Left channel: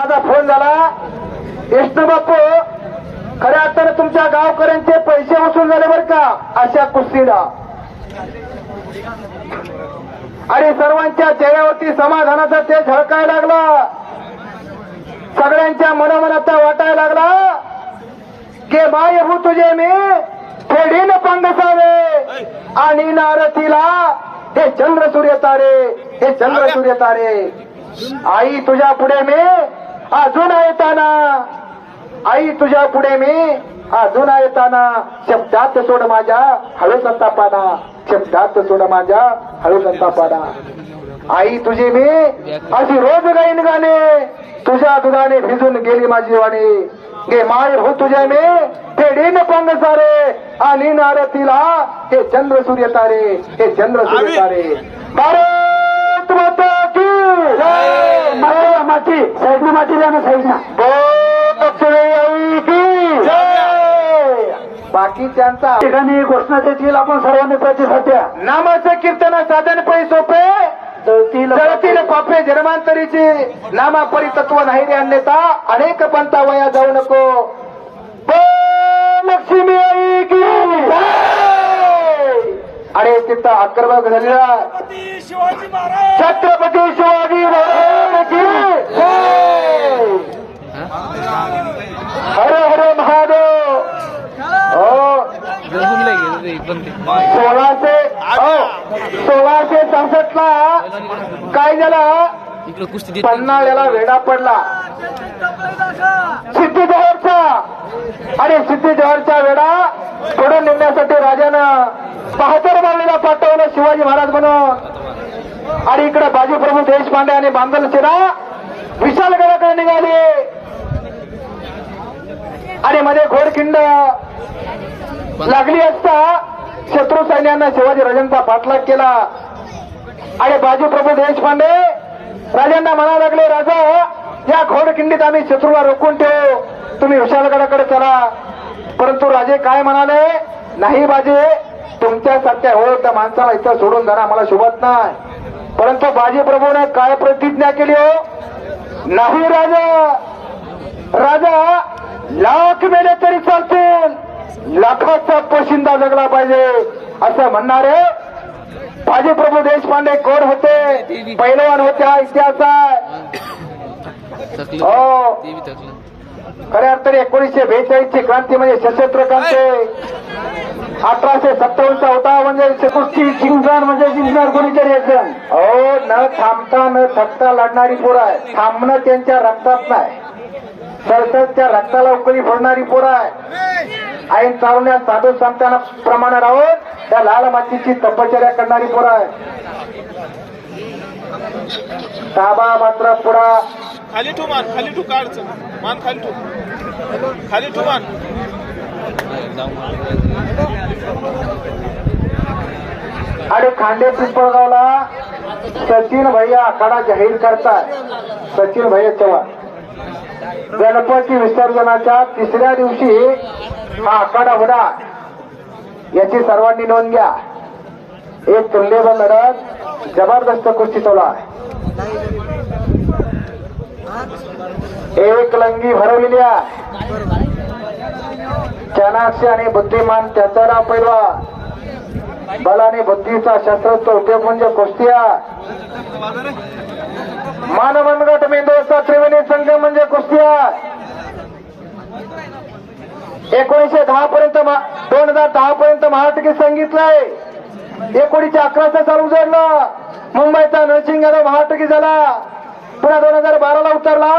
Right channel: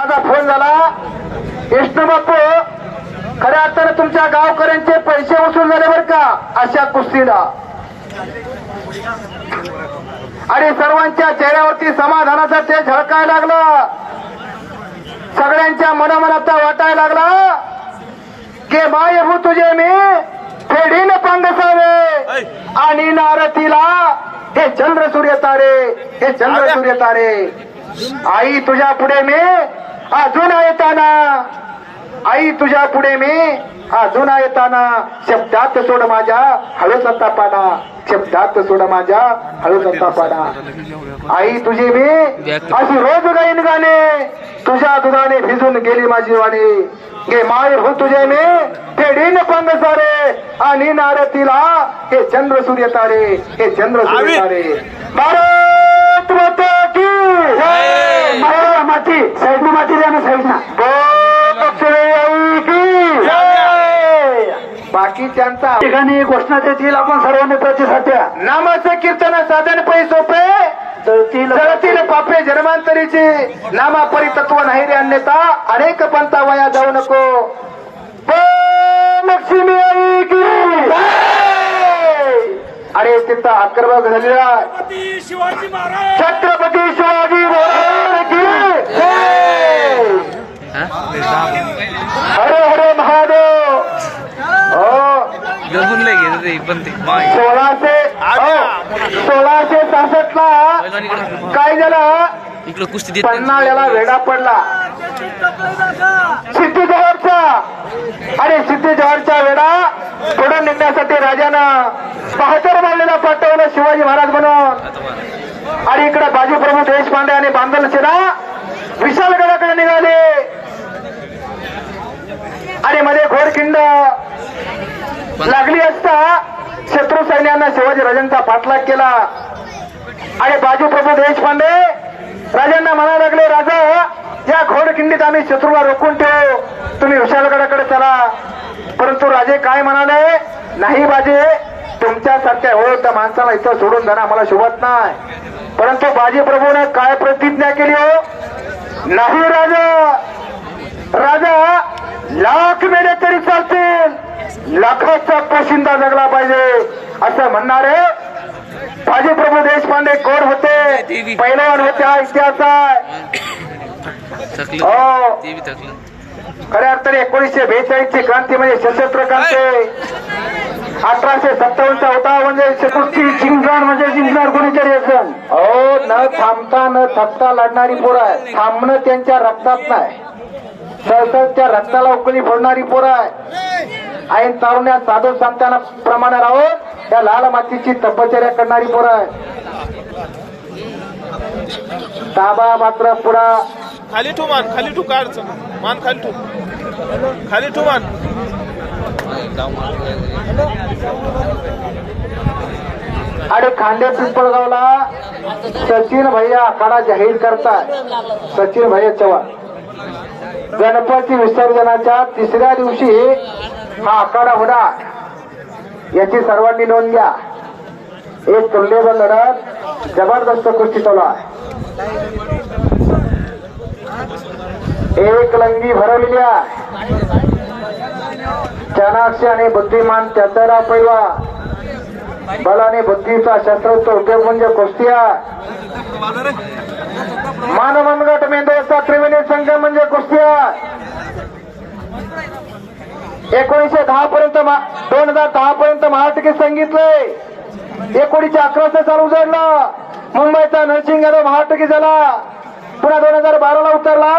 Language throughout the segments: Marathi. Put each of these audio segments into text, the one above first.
माझा फोन झाला. विष्णू बापू खऱ्या अर्थानं तुमच्या गावकऱ्यांचे पैसे वसूल झाले बरं का अशा कुस्तीला. आणि सर्वांच्या चेहऱ्यावरती समाधानाचा ते झळकायला लागला. सगळ्यांच्या मनोमनाचा वाटायला लागला. के माय हो तुझे मी फेडीन पंगसावे आणि नारतीला हे चंद्र सूर्य तारे हे चंद्र सूर्य तारे. आई तुझ्या पुढे मी अजून येताना. आई तुझ्या पुढे मी अजून येताना. शब्दात सोड माझ्या हळू संतापाना. शब्दात सोड माझ्या हळू संतापाना. आई तुझी मी अशी रोज गाईन गाणे. तुझ्या दुधाने भिजून गेली माझी वाणी. गे माय हो तुझे मी फेडीन पंग सारे आणि नारतीला हे चंद्र सूर्य तारे हे चंद्र सूर्य तारे. भारत माता. मातीला माती साईडना माती द्या ना साईडना. आई की जय. बाकीच्यांचा ठिकाणी घोषणा देतील आपण सर्वांनी प्रतिसाद द्या नामाचं कीर्तन साधन पै सोपे. जळतील पापे. जन्मांतरीची नामा परितत्व नाही रे अन्यता अनेक पंथा वया जाऊ नको. लक्ष्मी आई की. जय. अरे तिथं आक्रमक झालेला छत्रपती शिवाजी महाराज छत्रपती शिवाजी महाराज की जय. हरे हरे महादेव हो घेऊन लय घेत ते पण ते सोळाशे हो सोळाशे सहासष्ट ला काय झालं इकडं कुस्ती देत पन्हाळ्याला वेढा पडला. सिद्धी जवळचा आणि सिद्धी जवळचा वेढा पुढे निघण्यासाठी राजानं बहादर मारलेला पाठवलं शिवाजी महाराज म्हणून. आणि इकडे बाजीप्रभू देशपांडे आणि बांधल सेना विशालगडाकडे निघाले. आणि मध्ये घोडखिंड लागली असता शत्रू सैन्यानं शिवाजी राजांचा पाठलाग केला. आणि बाजूप्रभू देशपांडे राजांना म्हणा लागले राजा या घोडखिंडीत आम्ही शत्रूला रोखून ठेवू. तुम्ही विशालगडाकडे चला. परंतु राजे काय म्हणाले? नाही बाजे तुमच्यासारख्या हो त्या माणसाला इथं सोडून जाणं आम्हाला शोभत नाही. परंतु बाजी प्रभूने काय प्रतिज्ञा केली हो? नाही राजा. राजा लाख मेले तरी चालतील. लाखाचा पोशिंदा जगला पाहिजे असं म्हणणारे बाजी प्रभू देशपांडे कोण होते? पैलवान होते हा इतिहास आहे. हो. खऱ्या अर्थाने एकोणीसशे बेचाळीस ची क्रांती म्हणजे सशस्त्र क्रांती. अठराशे सत्तावन्नचा होता म्हणजे कुस्ती जिंकणार म्हणजे जिंकणार कोणीतरी असेल हो न थांबता न थकता लढणारी पोरं आहे थांबणं त्यांच्या रक्तात नाही. सळसळच्या रक्ताला उकळी फोडणारी पोरं आहे ऐन तारुण्या साधू संतांना प्रमाणे राहून त्या लाल मातीची तपश्चर्या करणारी पोरं आहे ताबा मात्र पुढा. खाली ठेव मान खाली ठेव काढ मान खाली ठेव. खाली ठेव मान. आणि खांडे पिंपळगावला सचिन भैया आखाडा जाहीर करताय. सचिन भैया चव्हाण. गणपती विसर्जनाच्या तिसऱ्या दिवशी हा आखाडा होणार याची सर्वांनी नोंद घ्या. एक तुल्यबल लढत जबरदस्त कुस्ती चालू आहे एक लंगी भरवलेली आहे. चाणाक्ष आणि बुद्धिमान त्याचा नाव पहिला बल आणि बुद्धीचा शस्त्राचा उपयोग म्हणजे कुस्ती आहे. मानवनगट मेंदूचा त्रिवेणी संघ म्हणजे कुस्ती आहे. एकोणीसशे दहा पर्यंत दोन हजार दहा पर्यंत महाराष्ट्र सांगितलंय एकोणीसशे अकराचं चालू उजडलं मुंबईचा नरसिंग यादव महाराष्ट्र झाला. पुन्हा दोन हजार बाराला उतरला.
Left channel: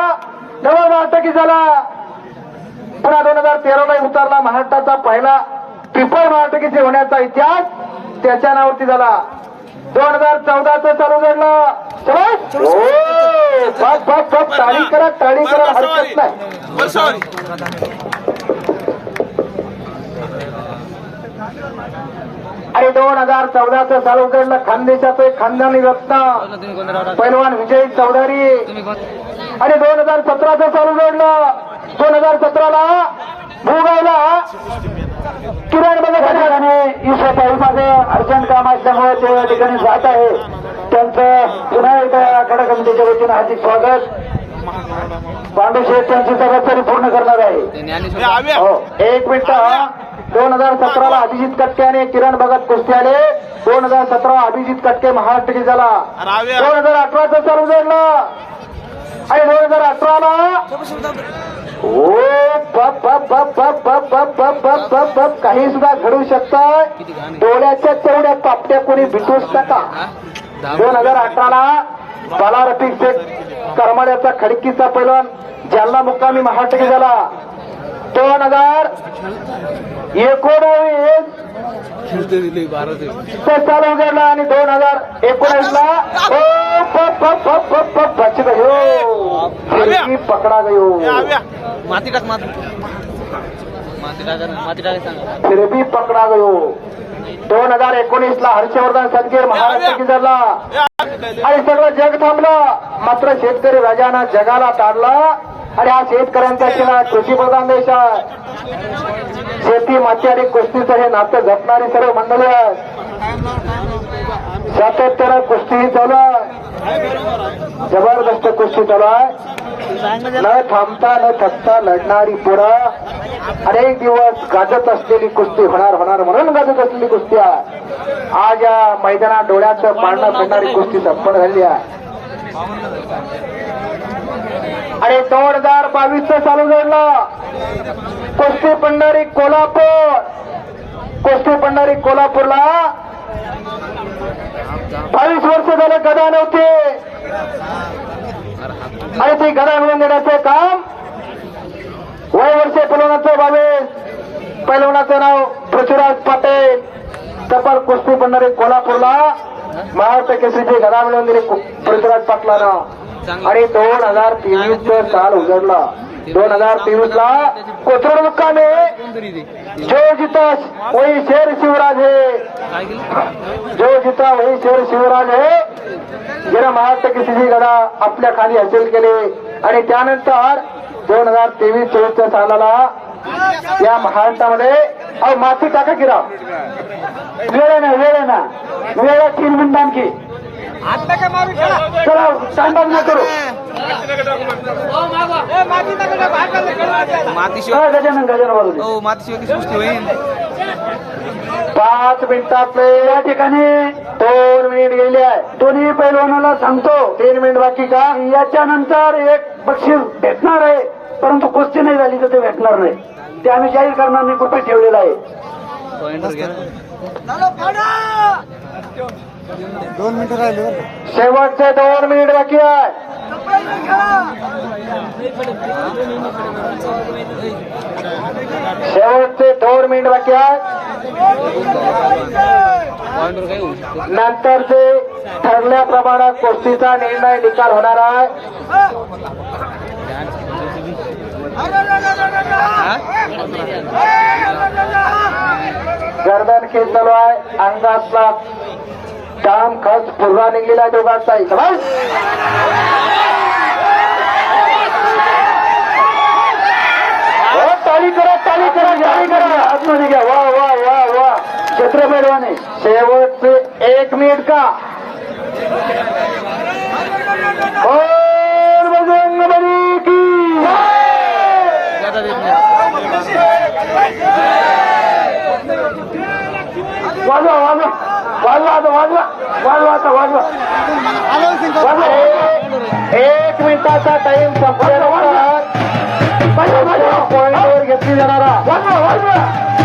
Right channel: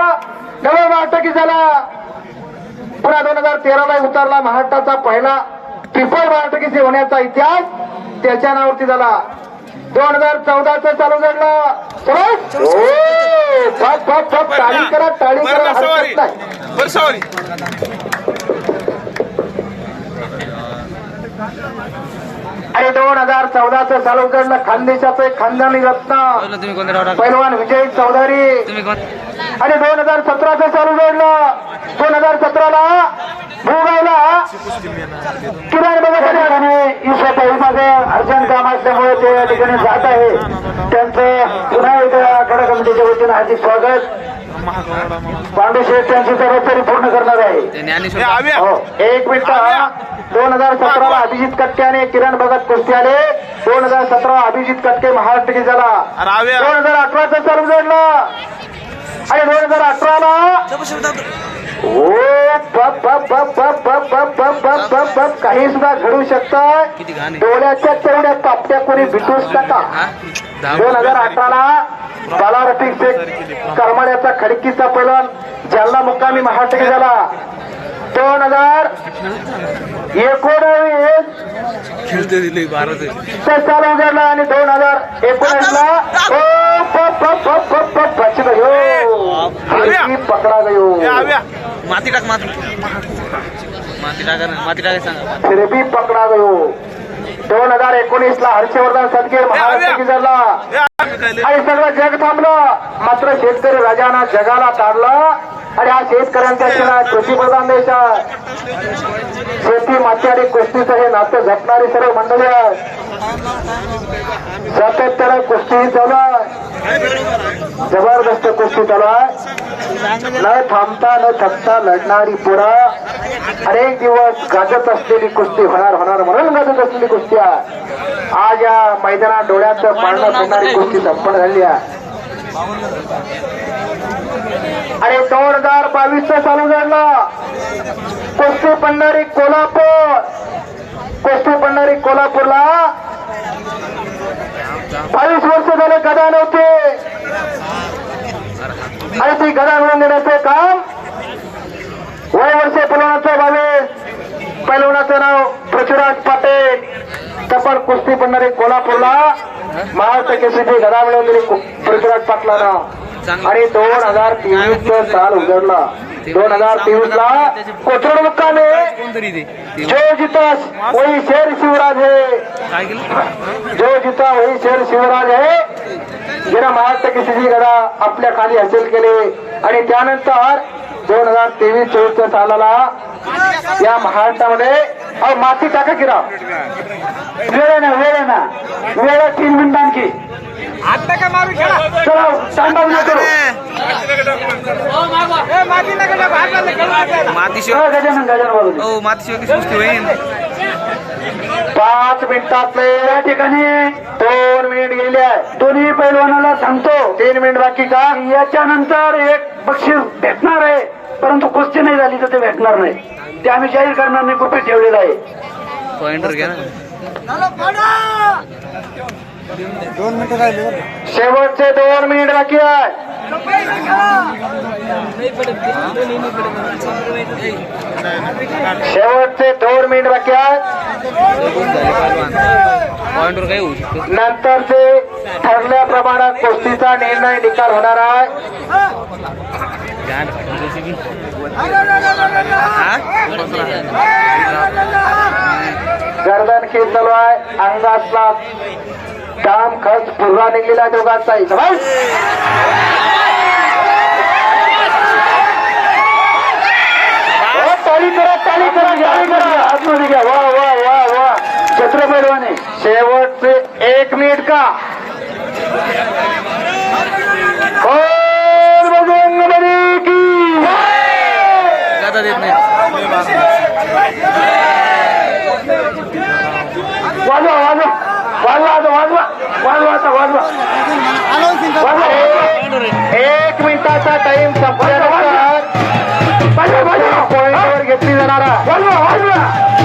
डबल महाराष्ट्र झाला. पुन्हा दोन हजार तेराला उतरला महाराष्ट्राचा पहिला ट्रिपल महाराष्ट्र होण्याचा इतिहास त्याच्या नावावरती झाला. दोन हजार चौदाचं चालू घडलं टाळी करा टाळी करा. हरकत नाही. आणि दोन हजार चौदाचं चालू घडलं खानदेशाचं एक खानदानी रत्न? पैलवान विजय चौधरी. आणि दोन हजार सतराचं चालू जोडलं दोन हजार सतराला भूगावला किरण बघा ईशापाईमध्ये अर्जंट काम असल्यामुळे ते या ठिकाणी जात आहे. त्यांचं पुन्हा एकदा आखाडा कमिटीच्या वतीनं हार्दिक स्वागत. महागवाडा म्हणून पांडू शेठ त्यांची जबाबदारी पूर्ण करणार आहे हे हो एक मिनिट दोन हजार सतराला अभिजित कटके आणि किरण भगत कुस्ती आले दोन हजार सतरा अभिजित कटके महाराष्ट्र की झाला दोन हजार अठराचा चालू जोडला आणि दोन हजार अठराला ओ बप बप बप बप बप बप बप बप बप बप काही सुद्धा घडू शकतं डोळ्याच्या तेवढ्या पापट्या कोणी भिटूच नका हा दोन हजार अठराला रफिक शेख करमाड्याचा खडकीचा पैलवान जालना मुक्कामी महाराष्ट्र झाला. दोन हजार एकोणावीस. चालू उघडला आणि दोन हजार एकोणावीसला ओ पप पप पप पप पप बच गयो फिरकी पकडा हे. गयो माती टाक माती. माती टाका ना माती टाकाय सांगा फिरबी पकडा गयो दोन हजार एकोणीस ला हर्षवर्धन सदगीर महाराष्ट्र की झाला आव्या काय आणि सगळं जग थांबलं. मात्र शेतकरी राजानं जगाला ताडलं. आणि हा शेतकऱ्यांचा शिवाय कृषी प्रधान देश आहे. शेती माती आणि कुस्तीचं हे नातं जपणारी सर्व मंडळी आहेत. सातत्यानं कुस्ती चालू आहे. जबरदस्त कुस्ती चालू आहे. न थांबता न थकता लढणारी पुरा अनेक दिवस गाजत असलेली कुस्ती होणार होणार म्हणून गाजत असलेली कुस्ती आहे. आज या मैदानात डोळ्यात पाळणं फिरणारी कुस्ती संपन्न झाली आहे. आणि दोन हजार बावीस चालू झालं. कुस्ती पंढरी कोल्हापूर. कुस्ती पंढरी कोल्हापूरला झाले गदा नव्हते. आणि ती गदा मिळवून देण्याचे काम वय वर्षे पैलवानाचं बावीस पैलवानाचं नाव पृथ्वीराज पाटील. तपल कुस्ती पंढरी कोल्हापूरला महाराष्ट्र केसरीची गदा मिळवून दिली पृथ्वीराज पाटलानं. आणि दोन हजार तेवीस साल उजडला दोन हजार तेवीस ला कोथरूड मुक्कामे जो जितास वही शेर शिवराज है. जो जिता वही शेर शिवराज है. ज्यानं महाराष्ट्र केसरीची गदा आपल्या खाली हसील केले. आणि त्यानंतर दोन हजार तेवीस चोवीसच्या सालाला या महाराष्ट्रामध्ये अहो माती टाका की राव. वेळ आहे ना वेळ आहे ना. वेळ आहे तीन मिनिट आणखी. चला न करू. मातीशिवाय हा, गजानन गजानन बाबू हो मातीशिवाय कशी होईल? पाच मिनिटातले या ठिकाणी. दोन मिनिट गेले आहे दोन्ही पैलवानाला सांगतो तीन मिनिट बाकी का? याच्यानंतर एक बक्षीस भेटणार आहे. परंतु कुस्ती नाही झाली तर ते भेटणार नाही. ते आम्ही जाहीर करणार नाही कृपी ठेवलेलं आहे. पॉइंटर घ्या ना. शेवटचे दोन मिनिट बाकी आहे शेवटचे दोन मिनिट बाकी आहेत. नंतर जे ठरल्या प्रमाणात गोष्टीचा निर्णय निकाल होणार आहे. गर्दन खेळ चालू आहे. अंगातला काम खर्च पुरवा निघलेला दोघांचा इथं ताली करा ताली करा ताली करा. आतमध्ये घ्या. वा वा वा वा. छत्र पैलवाने शेवटचे एक मिनिट का? और बजरंग बली की जय! जाता देत नाही. वाजवा वाजवा. वाजवा आता वाजवा. वाजवा आता वाजवा. वाजवा. एक- मिनिटाचा टाइम संपल्यानंतर 同志们